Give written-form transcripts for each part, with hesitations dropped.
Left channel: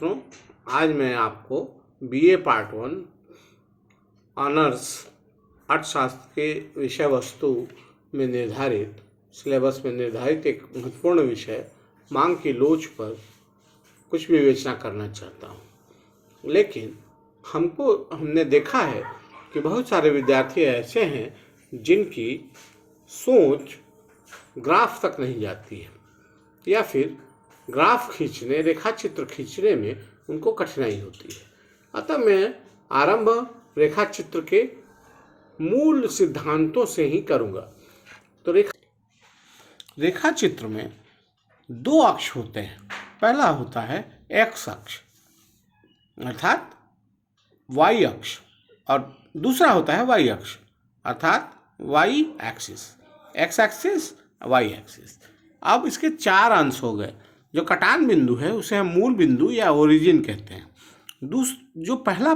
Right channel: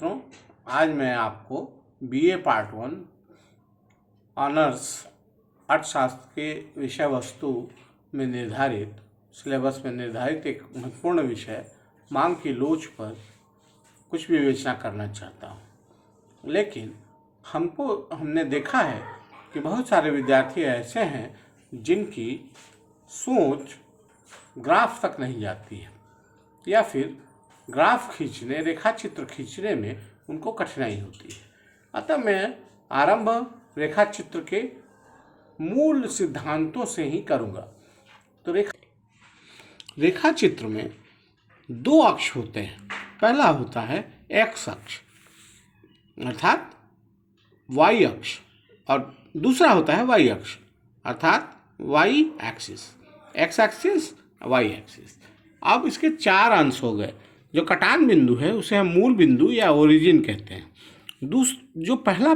छात्रों, आज मैं आपको बीए पार्ट 1 ऑनर्स अर्थशास्त्र के विषय वस्तु में निर्धारित सिलेबस में निर्धारित एक महत्वपूर्ण विषय मांग की लोच पर कुछ विवेचना करना चाहता हूँ। लेकिन हमने देखा है कि बहुत सारे विद्यार्थी ऐसे हैं जिनकी सोच ग्राफ तक नहीं जाती है या फिर ग्राफ खींचने, रेखा चित्र खींचने में उनको कठिनाई होती है। अतः मैं आरंभ रेखा चित्र के मूल सिद्धांतों से ही करूँगा। तो रेखा चित्र में दो अक्ष होते हैं। पहला होता है एक्स अक्ष अर्थात वाई अक्ष और दूसरा होता है वाई अक्ष अर्थात Y axis, X axis, Y axis. अब इसके चार अंश हो गए। जो कटान बिंदु है उसे हम मूल बिंदु या ओरिजिन कहते हैं। जो पहला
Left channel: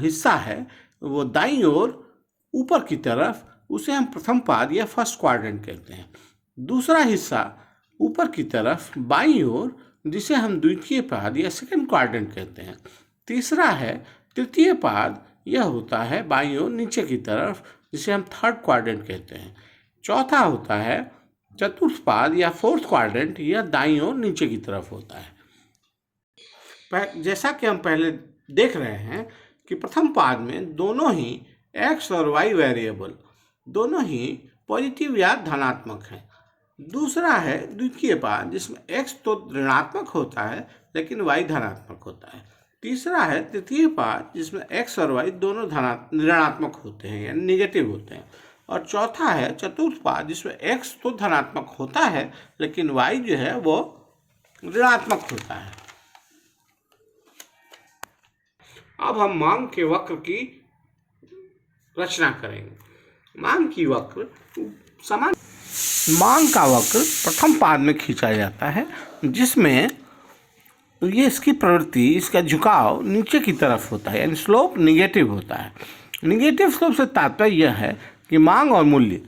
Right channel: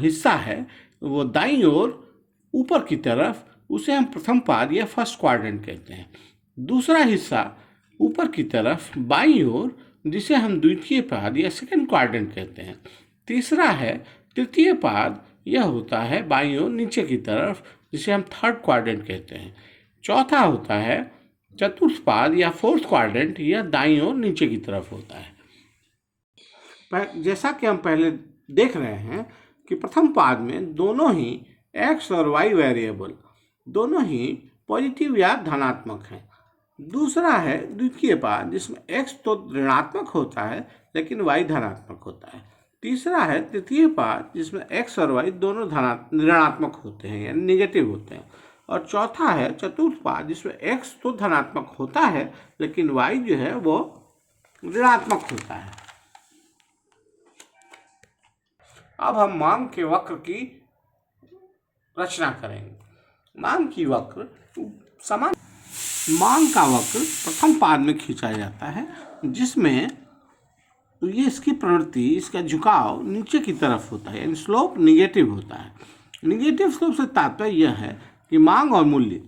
हिस्सा है वो दाईं ओर ऊपर की तरफ, उसे हम प्रथम पाद या फर्स्ट क्वाड्रेंट कहते हैं। दूसरा हिस्सा ऊपर की तरफ बाईं ओर, जिसे हम द्वितीय पाद या सेकंड क्वाड्रेंट कहते हैं। तीसरा है तृतीय पाद, यह होता है बाईं ओर नीचे की तरफ, जिसे हम थर्ड क्वाड्रेंट कहते हैं। चौथा होता है चतुर्थ पाद या फोर्थ क्वाड्रेंट, यह दाईं ओर नीचे की तरफ होता है। जैसा कि हम पहले देख रहे हैं कि प्रथम पाद में दोनों ही एक्स और वाई वेरिएबल दोनों ही पॉजिटिव या धनात्मक हैं। दूसरा है द्वितीय पाद, जिसमें एक्स तो ऋणात्मक होता है लेकिन वाई धनात्मक होता है। तीसरा है तृतीय पाद, जिसमें एक्स और वाई दोनों ऋणात्मक होते हैं यानी निगेटिव होते हैं। और चौथा है चतुर्थ पाद, जिसमें एक्स तो धनात्मक होता है लेकिन वाई जो है वो ऋणात्मक होता है। अब हम मांग के वक्र की रचना करेंगे। मांग का वक्र प्रथम पाद में खींचा जाता है, जिसमें ये इसकी प्रवृत्ति, इसका झुकाव नीचे की तरफ होता है यानी स्लोप निगेटिव होता है। निगेटिव स्लोप से तात्पर्य यह है कि मांग और मूल्य,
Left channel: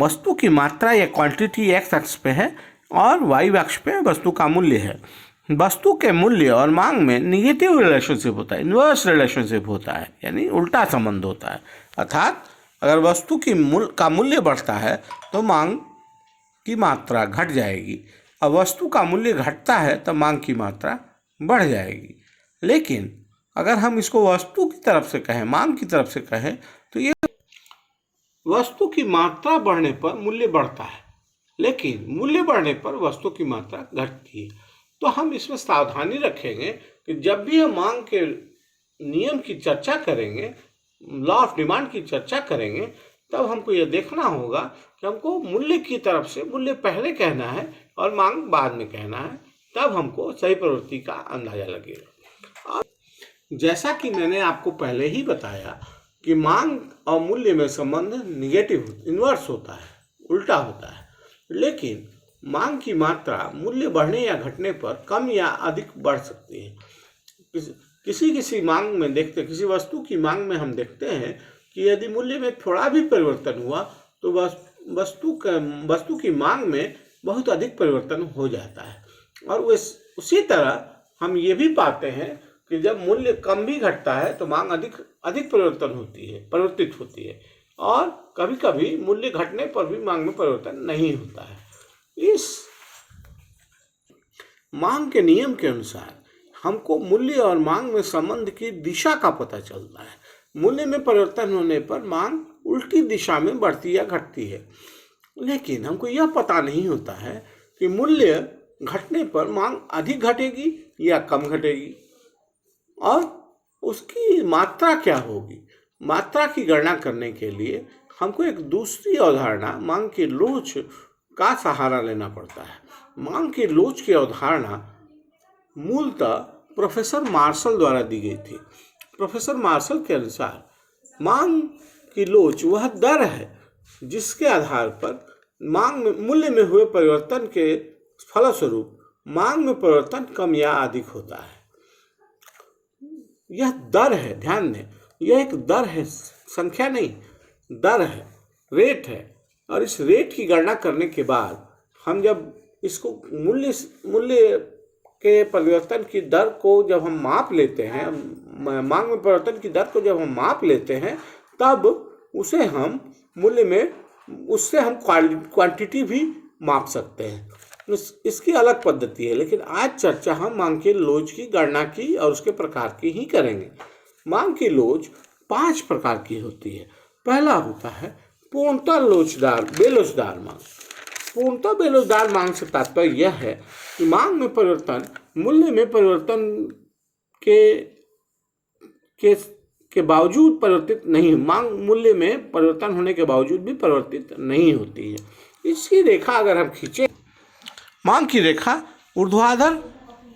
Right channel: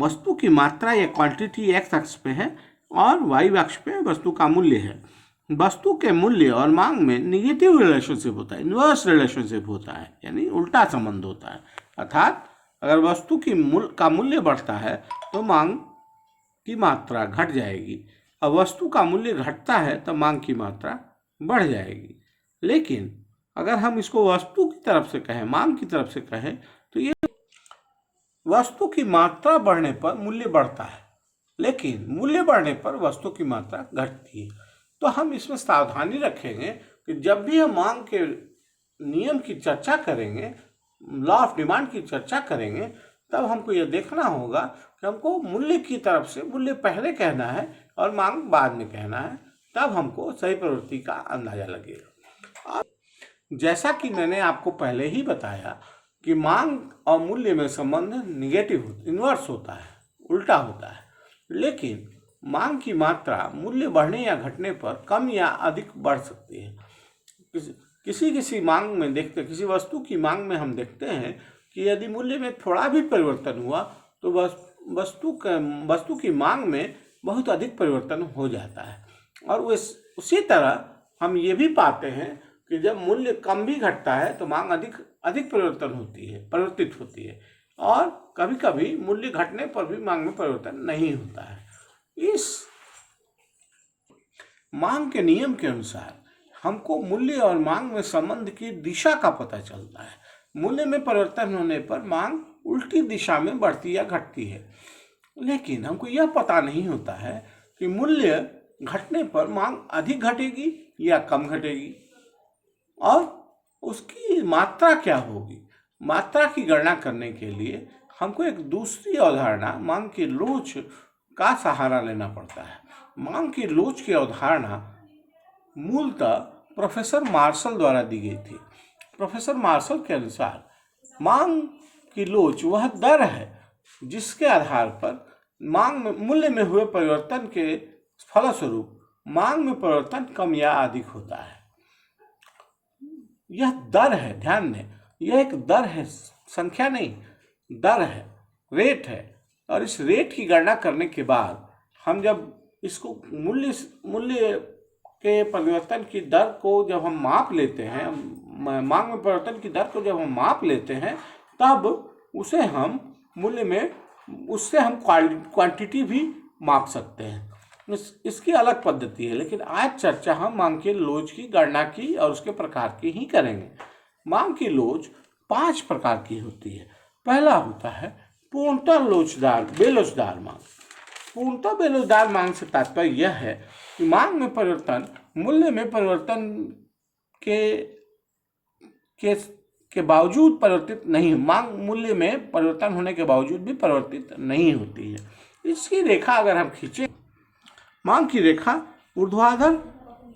वस्तु की मात्रा या क्वांटिटी एक्स अक्ष पे है और वाई अक्ष पे वस्तु का मूल्य है। वस्तु के मूल्य और मांग में निगेटिव रिलेशनशिप होता है, इन्वर्स रिलेशनशिप होता है यानी उल्टा संबंध होता है। अर्थात अगर वस्तु का मूल्य बढ़ता है तो मांग की मात्रा घट जाएगी और वस्तु का मूल्य घटता है तो मांग की मात्रा बढ़ जाएगी। लेकिन अगर हम इसको वस्तु की तरफ से कहें, मांग की तरफ से कहें, तो ये वस्तु की मात्रा बढ़ने पर मूल्य बढ़ता है लेकिन मूल्य बढ़ने पर वस्तु की मात्रा घटती है। तो हम इसमें सावधानी रखेंगे कि जब भी हम मांग के नियम की चर्चा करेंगे, लॉ ऑफ डिमांड की चर्चा करेंगे, तब हमको यह देखना होगा कि हमको मूल्य की तरफ से मूल्य पहले कहना है और मांग बाद में कहना है, तब हमको सही प्रवृत्ति का अंदाजा लगेगा। और जैसा कि मैंने आपको पहले ही बताया कि मांग और मूल्य में संबंध निगेटिव इन्वर्स होता है, उल्टा होता है। लेकिन मांग की मात्रा मूल्य बढ़ने या घटने पर कम या अधिक बढ़ सकती है। किसी मांग में किसी वस्तु की मांग में हम देखते हैं कि यदि मूल्य में थोड़ा भी परिवर्तन हुआ तो वस्तु की मांग में बहुत अधिक परिवर्तन हो जाता है। और उसी तरह हम ये भी पाते हैं कि जब मूल्य कम भी घटता है तो मांग अधिक परिवर्तित होती है और कभी कभी मूल्य घटने पर भी मांग में परिवर्तन नहीं होता है। इस मांग के नियम के अनुसार हमको मूल्य और मांग में संबंध की दिशा का पता चलता है। मूल्य में परिवर्तन होने पर मांग उल्टी दिशा में बढ़ती या घटती है, लेकिन हमको यह पता नहीं होता है कि मूल्य घटने पर मांग अधिक घटेगी या कम घटेगी और उसकी मात्रा क्या होगी। मात्रा की गणना करने के लिए हमको एक दूसरी अवधारणा मांग की लोच का सहारा लेना पड़ता है। मांग की लोच की अवधारणा मूलतः प्रोफेसर मार्शल द्वारा दी गई थी। प्रोफेसर मार्शल के अनुसार मांग की लोच वह दर है जिसके आधार पर मांग में मूल्य में हुए परिवर्तन के फलस्वरूप मांग में परिवर्तन कम या अधिक होता है। यह दर है, ध्यान दें, यह एक दर है, संख्या नहीं, दर है, रेट है। और इस रेट की गणना करने के बाद हम जब इसको मूल्य के परिवर्तन की दर को जब हम माप लेते हैं, मांग में परिवर्तन की दर को जब हम माप लेते हैं, तब उसे हम मूल्य में, उससे हम क्वांटिटी भी माप सकते हैं। इसकी अलग पद्धति है, लेकिन आज चर्चा हम मांग के लोच की गणना की और उसके प्रकार की ही करेंगे। मांग की लोच 5 प्रकार की होती है। पहला होता है पूर्णतः बेलोचदार मांग। पूर्णतः बेलोचदार मांग से तात्पर्य यह है कि मांग में परिवर्तन मूल्य में परिवर्तन के बावजूद परिवर्तित नहीं, मांग मूल्य में परिवर्तन होने के बावजूद भी परिवर्तित नहीं होती है। इसकी रेखा अगर हम खींचे, मांग की रेखा ऊर्ध्वाधर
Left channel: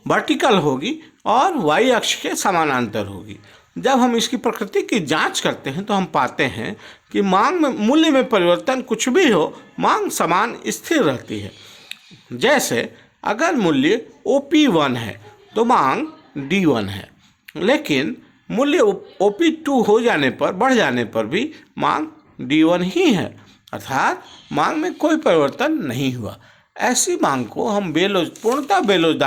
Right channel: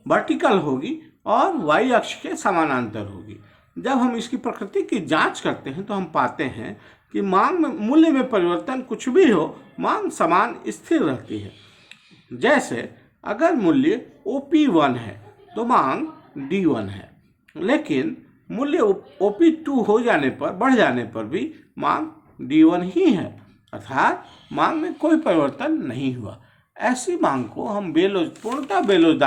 वर्टिकल होगी और वाई अक्ष के समानांतर होगी। जब हम इसकी प्रकृति की जांच करते हैं तो हम पाते हैं कि मांग में मूल्य में परिवर्तन कुछ भी हो, मांग समान स्थिर रहती है। जैसे अगर मूल्य OP1 है तो मांग D1 है, लेकिन मूल्य OP2 हो जाने पर, बढ़ जाने पर भी मांग D1 ही है, अर्थात मांग में कोई परिवर्तन नहीं हुआ। ऐसी मांग को हम पूर्णतः बेलोचदार